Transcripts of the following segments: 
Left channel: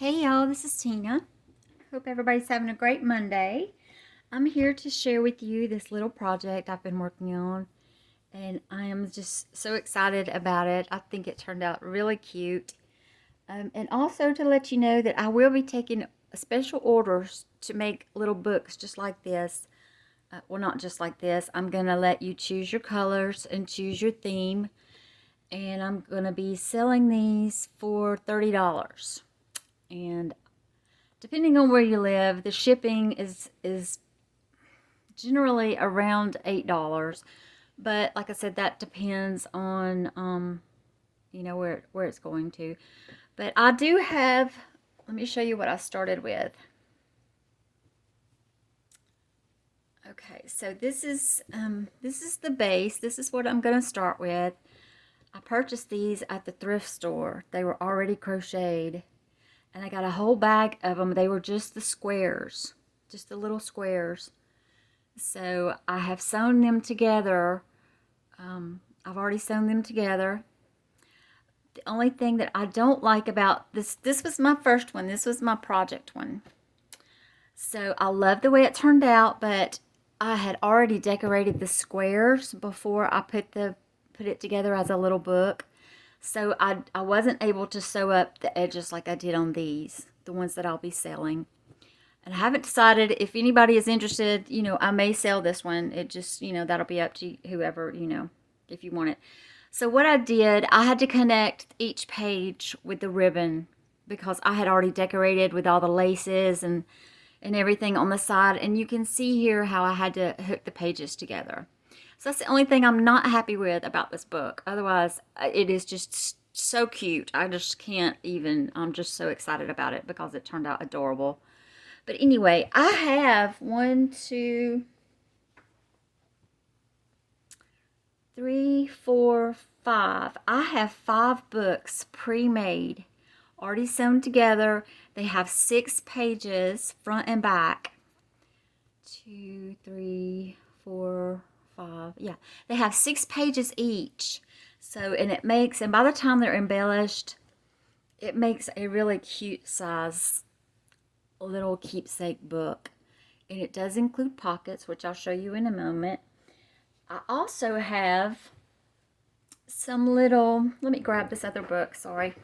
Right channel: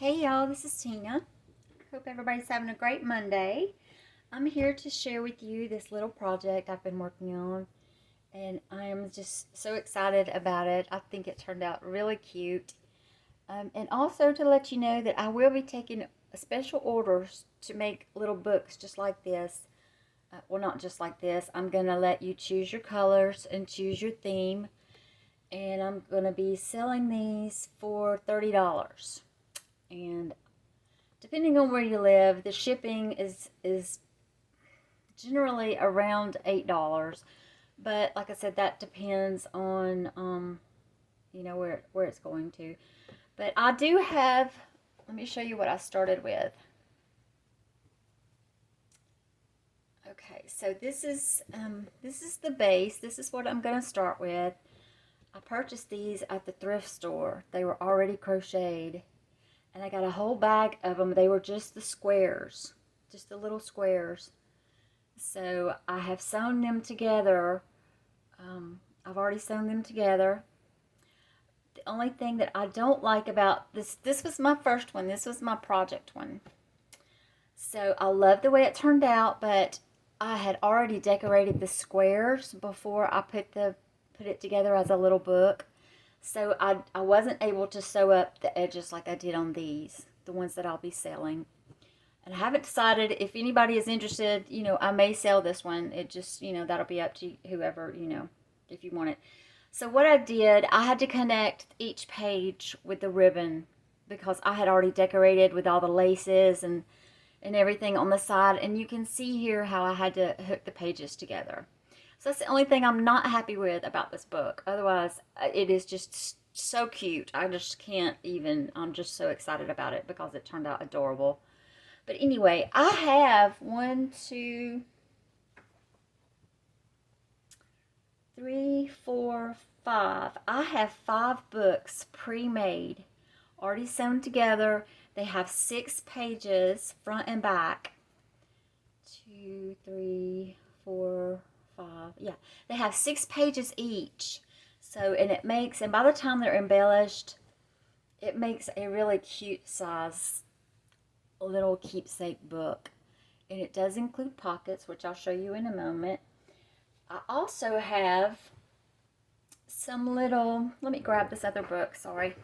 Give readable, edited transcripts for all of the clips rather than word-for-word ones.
Hey y'all, this is Tina. Hope everybody's having a great Monday. I'm here to share with you this little project I've been working on, and I am just so excited about it. I think it turned out really cute. And also to let you know that I will be taking special orders to make little books just like this. Well, not just like this. I'm going to let you choose your colors and choose your theme, and I'm going to be selling these for $30. And depending on where you live, the shipping is generally around $8. But like I said, that depends on where it's going to. But I do have. Let me show you what I started with. Okay, so this is the base. This is what I'm gonna start with. I purchased these at the thrift store. They were already crocheted, and I got a whole bag of them. They were just the squares, just the little squares. So I have sewn them together. I've already sewn them together. The only thing that I don't like about this was my first one. This was my project one. So I love the way it turned out, but I had already decorated the squares before I put it together as a little book. So I wasn't able to sew up the edges like I did on these, the ones that I'll be selling. And I haven't decided if anybody is interested, I may sell this one. It just, that'll be up to whoever, if you want it. So what I did, I had to connect each page with the ribbon because I had already decorated with all the laces and everything on the side. And you can see here how I had to hook the pages together. So that's the only thing I'm not happy with about this book. Otherwise, it is just so cute. I just can't even, I'm just so excited about it because it turned out adorable. But anyway, I have 1, 2, 3, 4, 5. I have 5 books pre-made, already sewn together. They have 6 pages, front and back. 2, 3, 4, 5. Yeah, they have 6 pages each. So, and by the time they're embellished, it makes a really cute size little keepsake book. And it does include pockets, which I'll show you in a moment. I also have some little, let me grab this other book, sorry.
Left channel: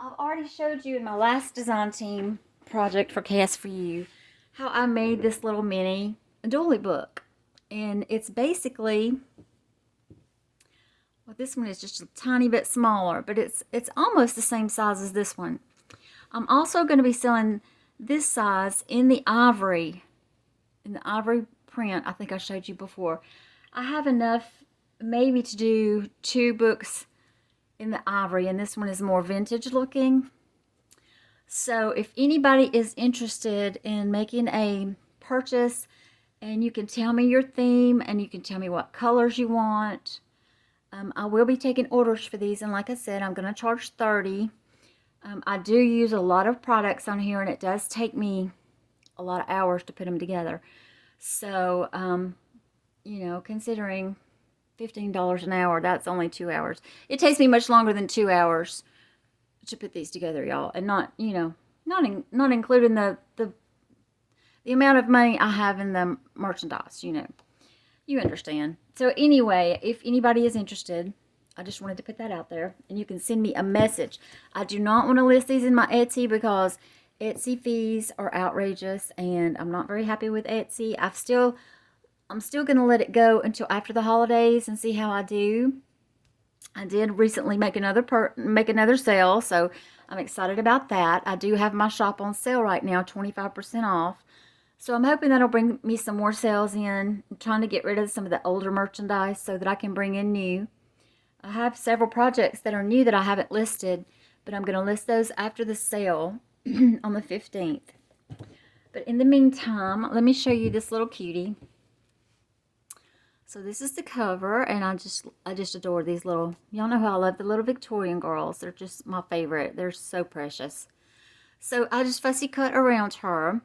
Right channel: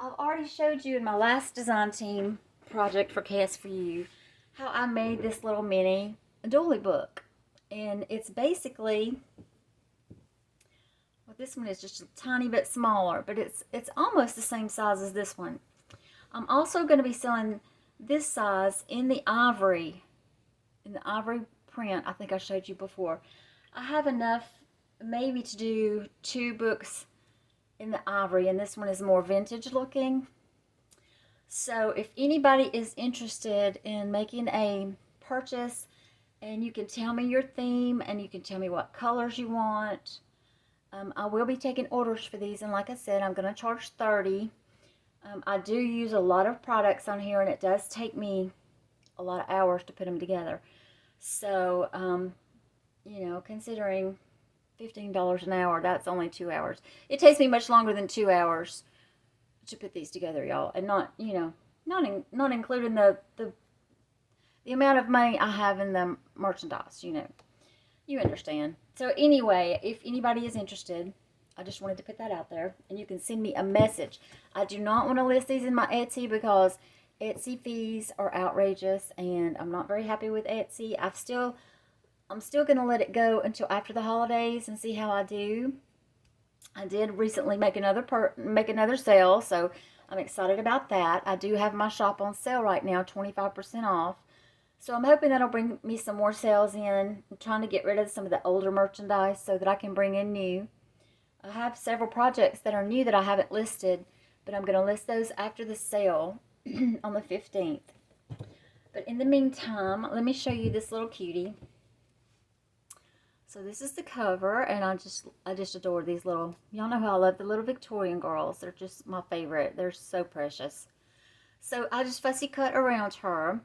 I've already showed you in my last design team project for Chaos for You how I made this little mini doily book. And it's basically, well, this one is just a tiny bit smaller, but it's almost the same size as this one. I'm also going to be selling this size in the ivory print I think I showed you before. I have enough maybe to do 2 books in the ivory, and this one is more vintage looking. So if anybody is interested in making a purchase, and you can tell me your theme and you can tell me what colors you want. I will be taking orders for these, and like I said, I'm going to charge $30. I do use a lot of products on here, and it does take me a lot of hours to put them together. So, considering $15 an hour, that's only 2 hours. It takes me much longer than 2 hours to put these together, y'all, and not including the amount of money I have in the merchandise. You understand. So anyway, if anybody is interested, I just wanted to put that out there, and you can send me a message. I do not want to list these in my Etsy because Etsy fees are outrageous, and I'm not very happy with Etsy. I'm still going to let it go until after the holidays and see how I do. I did recently make another sale, so I'm excited about that. I do have my shop on sale right now, 25% off. So I'm hoping that'll bring me some more sales in. I'm trying to get rid of some of the older merchandise so that I can bring in new. I have several projects that are new that I haven't listed, but I'm going to list those after the sale on the 15th. But in the meantime, let me show you this little cutie. So this is the cover, and I just adore these little, y'all know how I love the little Victorian girls. They're just my favorite. They're so precious. So I just fussy cut around her.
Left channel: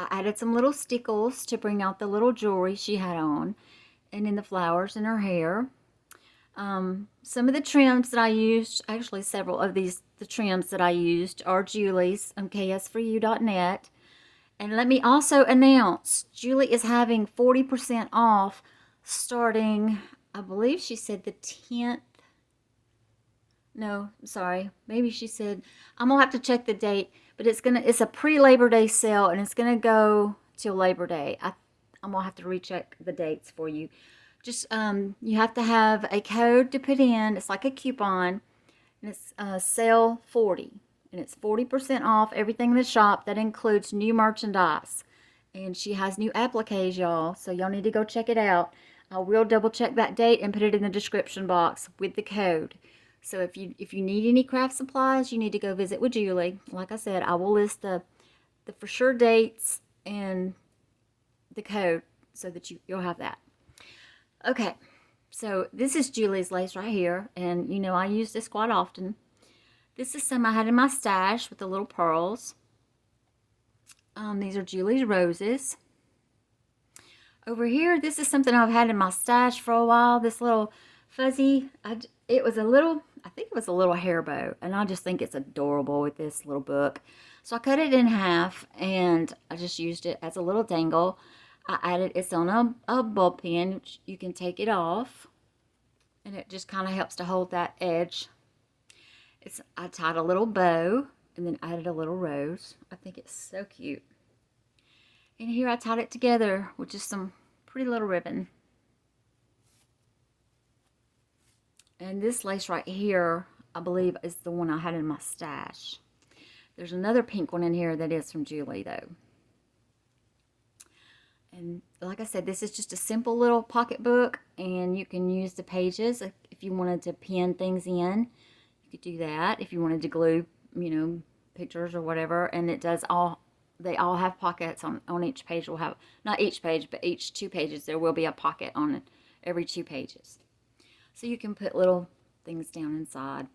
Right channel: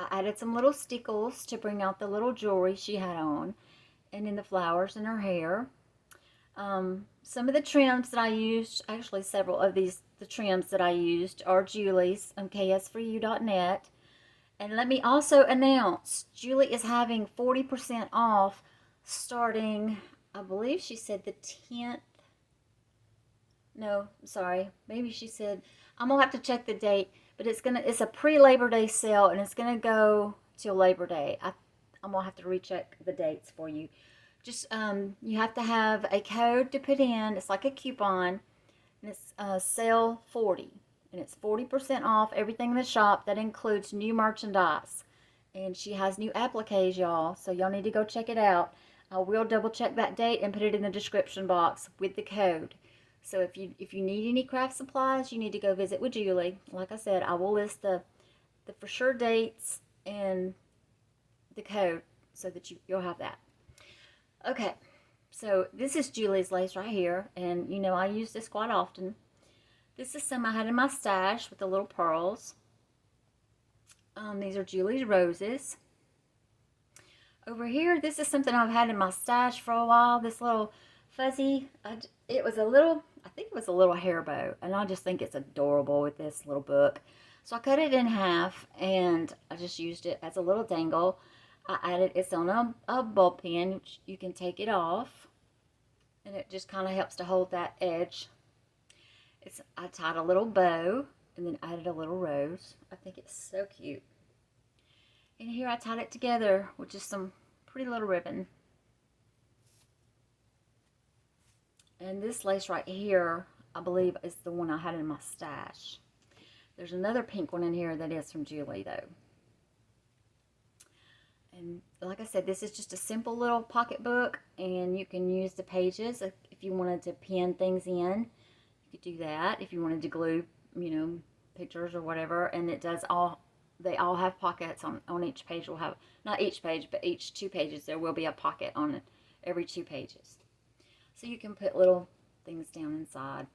I added some little stickles to bring out the little jewelry she had on, and in the flowers in her hair. Some of the trims that I used, actually several of the trims that I used are Julie's on ksforyou.net. And let me also announce, Julie is having 40% off starting, I believe she said the 10th. No, I'm sorry. Maybe she said, I'm gonna have to check the date, but it's a pre-Labor Day sale and it's gonna go till Labor Day. I'm gonna have to recheck the dates for you. Just you have to have a code to put in. It's like a coupon, and it's sale 40, and it's 40% off everything in the shop. That includes new merchandise, and she has new appliques, y'all. So y'all need to go check it out. I will double check that date and put it in the description box with the code. So if you need any craft supplies, you need to go visit with Julie. Like I said, I will list the for sure dates and the code so that you'll have that. Okay, so this is Julie's lace right here, and you know I use this quite often. This is some I had in my stash with the little pearls. These are Julie's roses. Over here, this is something I've had in my stash for a while. This little fuzzy, I think it was a little hair bow, and I just think it's adorable with this little book. So I cut it in half, and I just used it as a little dangle. It's on a bulb pin. You can take it off, and it just kind of helps to hold that edge. I tied a little bow, and then added a little rose. I think it's so cute. And here I tied it together with just some pretty little ribbon. And this lace right here, I believe, is the one I had in my stash. There's another pink one in here that is from Julie, though. And like I said, this is just a simple little pocketbook, and you can use the pages if you wanted to pin things in. You could do that if you wanted to glue, pictures or whatever. And they all have pockets on each page. Will have, not each page, but each 2 pages, there will be a pocket on it, every 2 pages. So you can put little things down inside.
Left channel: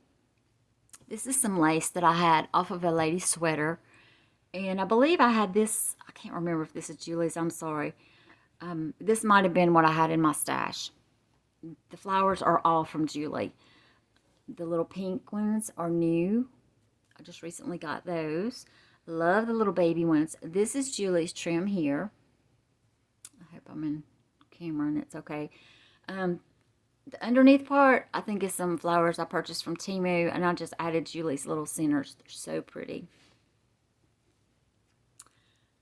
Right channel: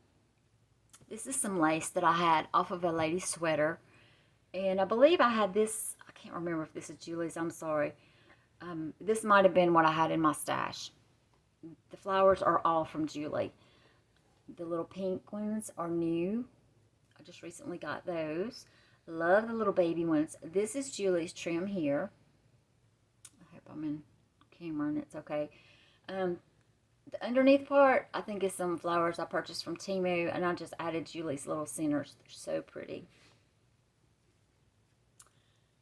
This is some lace that I had off of a lady's sweater. And I believe I had this, I can't remember if this is Julie's, I'm sorry. This might have been what I had in my stash. The flowers are all from Julie. The little pink ones are new. I just recently got those. Love the little baby ones. This is Julie's trim here. I hope I'm in camera and it's okay. The underneath part, I think, is some flowers I purchased from Temu, and I just added Julie's little centers. They're so pretty.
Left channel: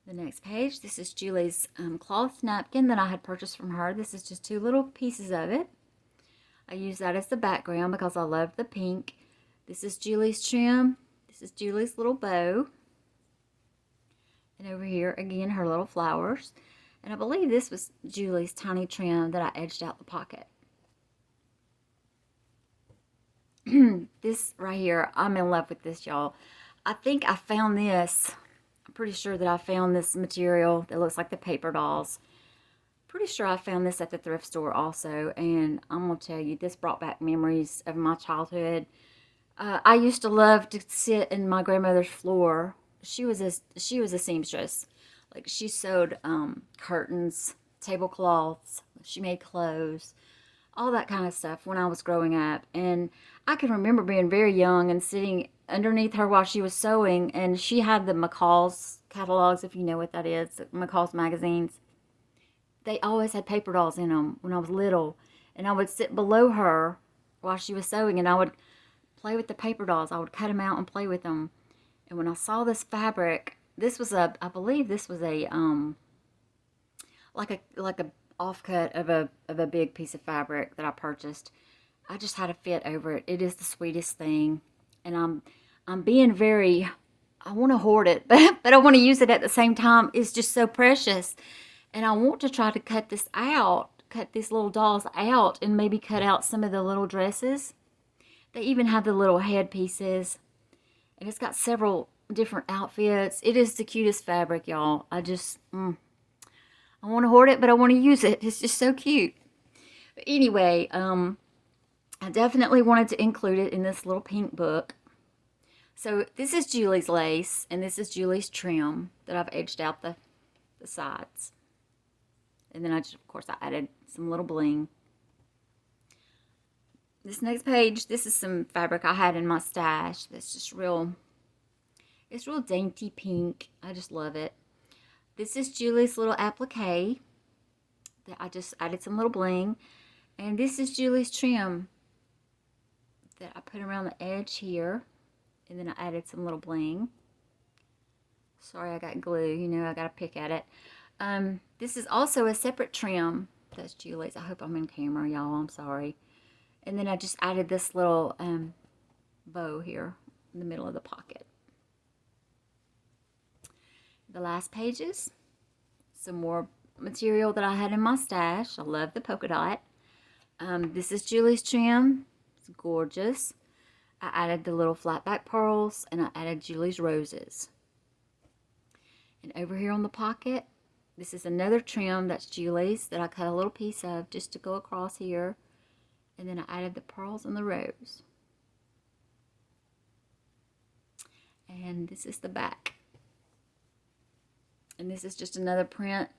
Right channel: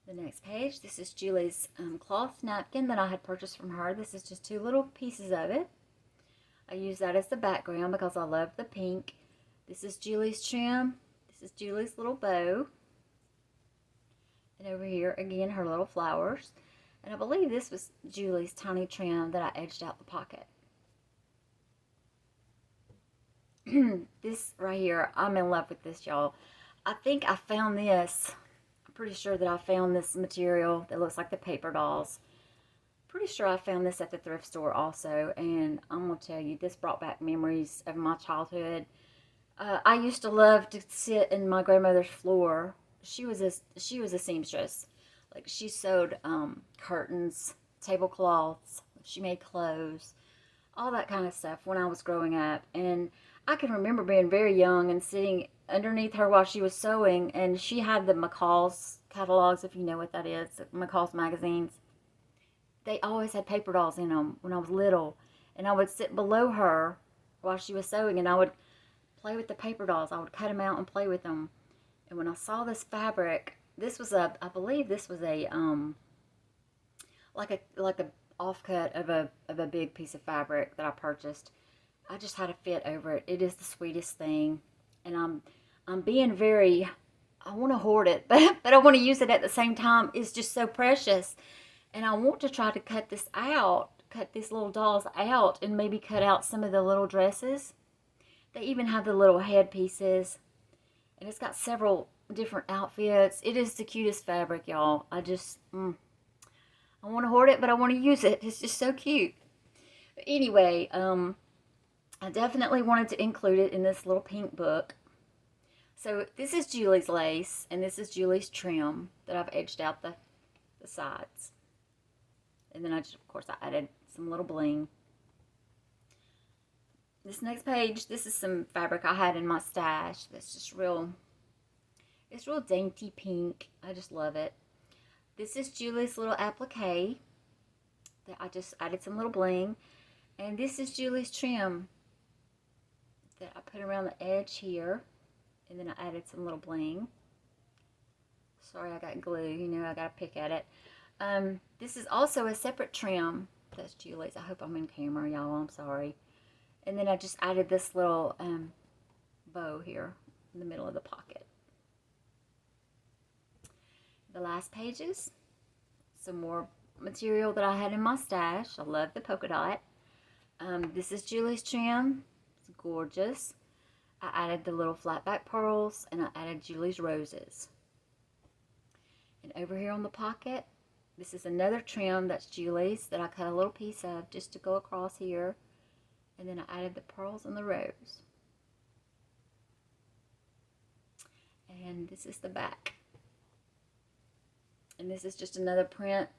The next page, this is Julie's cloth napkin that I had purchased from her. This is just 2 little pieces of it. I use that as the background because I love the pink. This is Julie's trim. This is Julie's little bow. And over here, again, her little flowers. And I believe this was Julie's tiny trim that I edged out the pocket. This right here, I'm in love with this, y'all. I think I found this. I'm pretty sure that I found this material that looks like the paper dolls. Pretty sure I found this at the thrift store also, and I'm gonna tell you, this brought back memories of my childhood. I used to love to sit in my grandmother's floor. She was a seamstress. Like, she sewed curtains, tablecloths. She made clothes, all that kind of stuff when I was growing up. And I can remember being very young and sitting underneath her while she was sewing, and she had the McCall's catalogs, if you know what that is, McCall's magazines. They always had paper dolls in them when I was little, and I would sit below her while she was sewing, and I would play with the paper dolls. I would cut them out and play with them. And when I saw this fabric, I believe this was a like a offcut of a big piece of fabric that I purchased. I just had a fit over it. It is the sweetest thing, and I'm being very, I want to hoard it, but I want to use it at the same time. It's just so precious, and I want to try to cut these little dolls out, and maybe cut out some of the little dresses. They even have the little head pieces, and it's got several different outfits. It is the cutest fabric, y'all. I want to hoard it, but I want to use it. It's just so cute. But anyway, I definitely wanted to include it in this little pink book. So this is Julie's lace, and this is Julie's trim that I've edged out the sides. And then of course, I added some little bling. This next page, this is some fabric I had in my stash. That's just real, it's real dainty pink. I just love it. This is Julie's little applique that I just added some little bling. And this is Julie's trim that I put around the edge here. And then I added some little bling. Sorry, I got glue. You know, I got to pick at it. This is also a separate trim. That's Julie's. I hope I'm in camera, y'all. I'm sorry. And then I just added this little bow here in the middle of the pocket. The last pages, some more material that I had in my stash. I love the polka dot. This is Julie's trim. It's gorgeous. I added the little flat back pearls and I added Julie's roses. And over here on the pocket, this is another trim that's Julie's that I cut a little piece of just to go across here. And then I added the pearls and the rose. And this is the back. And this is just another print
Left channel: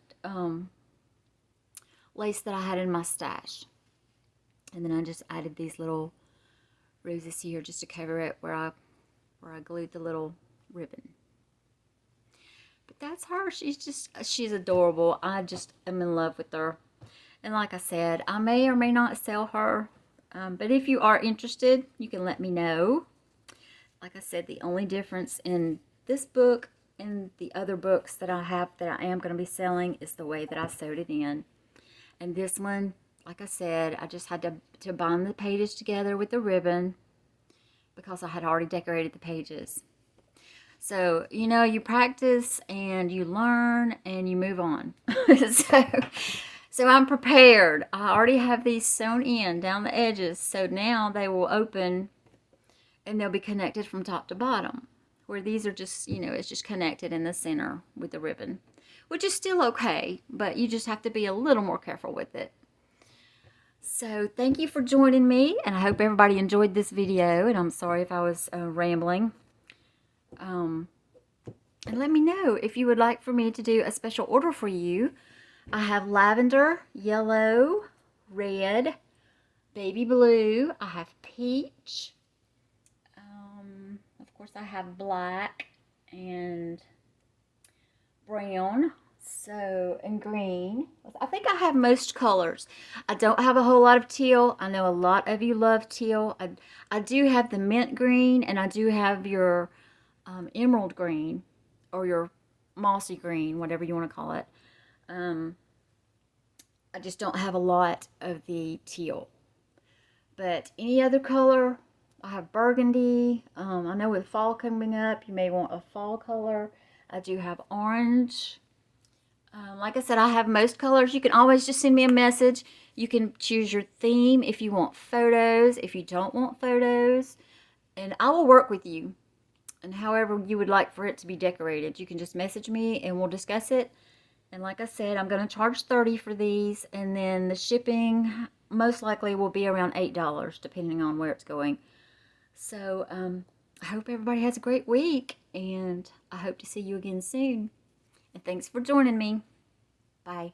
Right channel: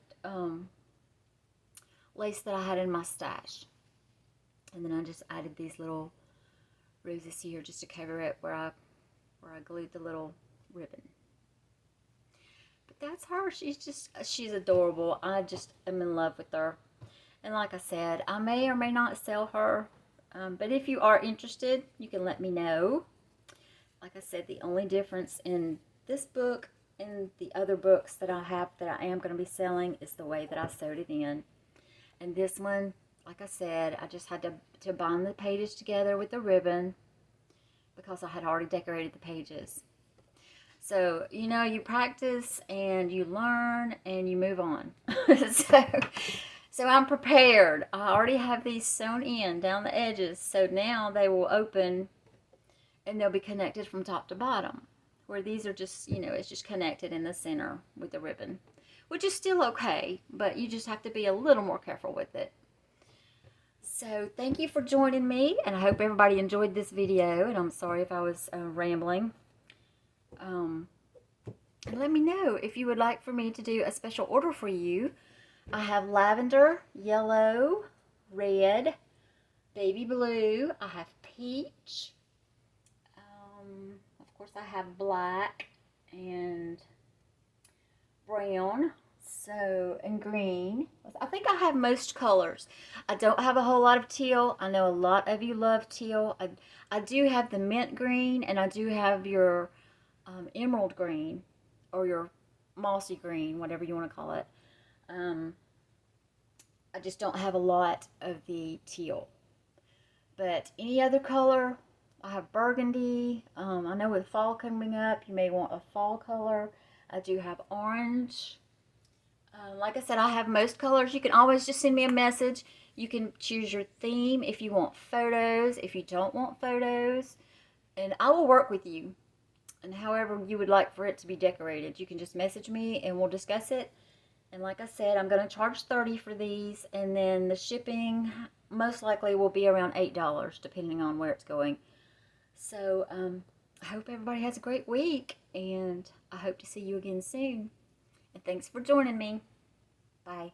lace that I had in my stash. And then I just added these little roses here just to cover it where I glued the little ribbon. But that's her. She's adorable. I just am in love with her. And like I said, I may or may not sell her. But if you are interested, you can let me know. Like I said, the only difference in this book and the other books that I have that I am going to be selling is the way that I sewed it in. And this one, like I said, I just had to bind the pages together with the ribbon because I had already decorated the pages. So, you know, you practice and you learn and you move on. So I'm prepared. I already have these sewn in down the edges. So now they will open and they'll be connected from top to bottom. Where these are just, you know, it's just connected in the center with the ribbon, which is still okay, but you just have to be a little more careful with it. So thank you for joining me, and I hope everybody enjoyed this video, and I'm sorry if I was rambling. And let me know if you would like for me to do a special order for you. I have lavender, yellow, red, baby blue, I have peach, of course I have black and brown, so, and green. I think I have most colors. I don't have a whole lot of teal. I know a lot of you love teal. I do have the mint green, and I do have your emerald green, or your mossy green, whatever you want to call it. I just don't have a lot of the teal. But any other color, I have burgundy. I know with fall coming up, you may want a fall color. I do have orange. Like I said, I have most colors. You can always just send me a message. You can choose your theme if you want photos, if you don't want photos. And I will work with you. And however you would like for it to be decorated, you can just message me and we'll discuss it. And like I said, I'm going to charge $30 for these. And then the shipping most likely will be around $8, depending on where it's going. So, I hope everybody has a great week. And I hope to see you again soon. And thanks for joining me. Bye.